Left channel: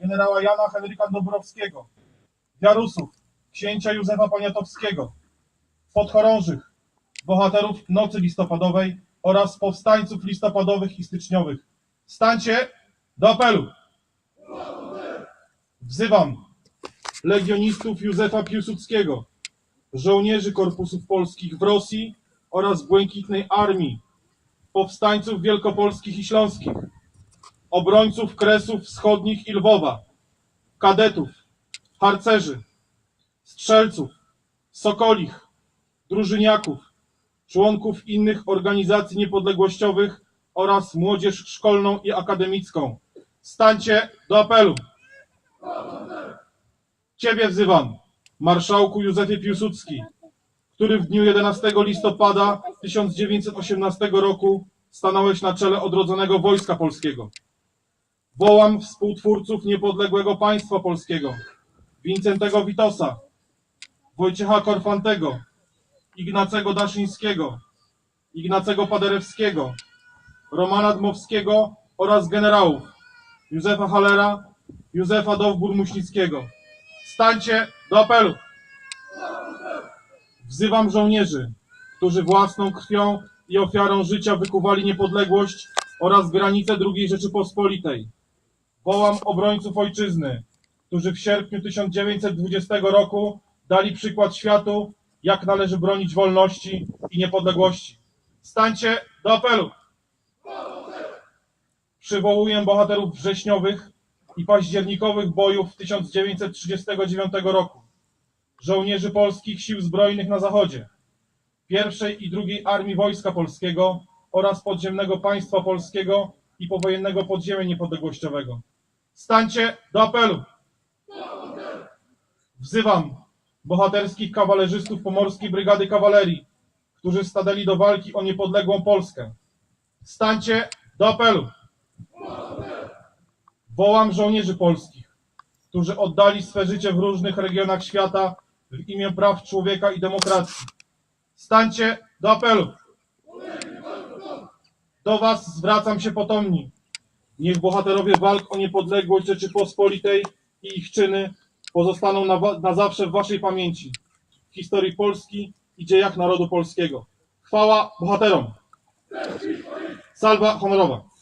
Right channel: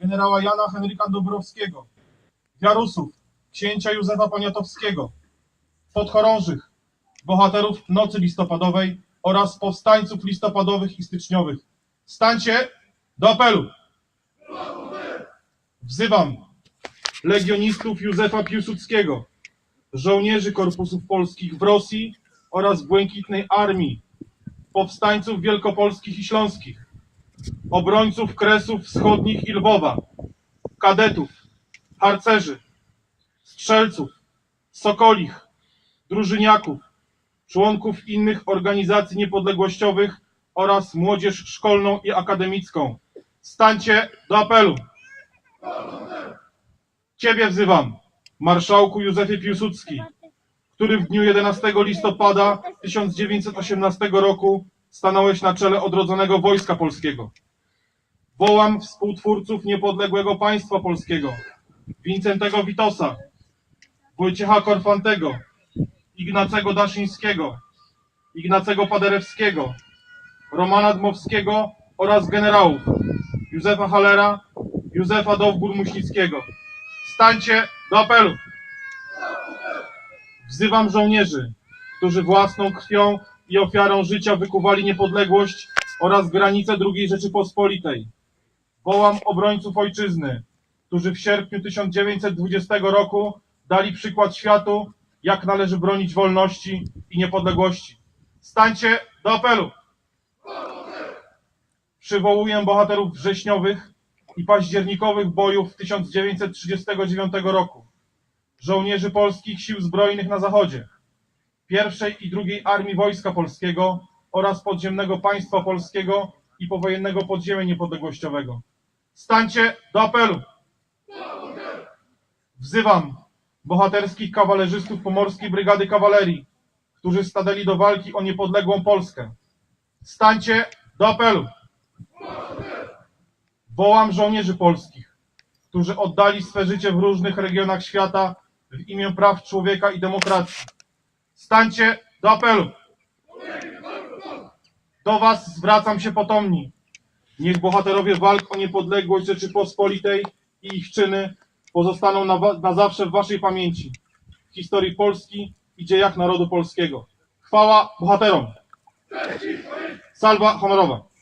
generała Jana Henryka Dąbrowskiego, wiarusów księcia Józefa Poniatowskiego, podchorążych, bohaterów Nocy Listopadowej oraz powstańców listopadowych i styczniowych. Stańcie do apelu! Wzywam legionistów Józefa Piłsudskiego, żołnierzy korpusów polskich w Rosji oraz Błękitnej Armii, powstańców wielkopolskich i śląskich, obrońców Kresów Wschodnich i Lwowa, kadetów, harcerzy, strzelców, sokolich, drużyniaków, członków innych organizacji niepodległościowych oraz młodzież szkolną i akademicką. Stańcie do apelu! Ciebie wzywam, marszałku Józefie Piłsudski, który w dniu 11 listopada 1918 roku stanąłeś na czele odrodzonego Wojska Polskiego. Wołam współtwórców niepodległego państwa polskiego, Wincentego Witosa, Wojciecha Korfantego, Ignacego Daszyńskiego, Ignacego Paderewskiego, Romana Dmowskiego oraz generałów Józefa Halera, Józefa Dowbór-Muśnickiego. Stańcie do apelu! Wzywam żołnierzy, którzy własną krwią i ofiarą życia wykuwali niepodległość oraz granice II Rzeczypospolitej. Wołam obrońców ojczyzny, którzy w sierpniu 1920 roku dali przykład światu, jak należy bronić wolności i niepodległości. Stańcie do apelu! Przywołuję bohaterów wrześniowych i październikowych bojów 1939 roku żołnierzy polskich sił zbrojnych na zachodzie, pierwszej i drugiej Armii Wojska Polskiego oraz podziemnego państwa polskiego i powojennego podziemia niepodległościowego. Stańcie do apelu! Wzywam bohaterskich kawalerzystów Pomorskiej Brygady Kawalerii, którzy stanęli do walki o niepodległą Polskę. Stańcie do apelu! Wołam żołnierzy polskich, którzy oddali swe życie w różnych regionach świata w imię praw człowieka i demokracji. Stańcie do apelu. Do Was zwracam się potomni. Niech bohaterowie walk o niepodległość Rzeczypospolitej i ich czyny pozostaną na, na zawsze w Waszej pamięci, w historii Polski i dziejach narodu polskiego. Chwała bohaterom! Salwa honorowa!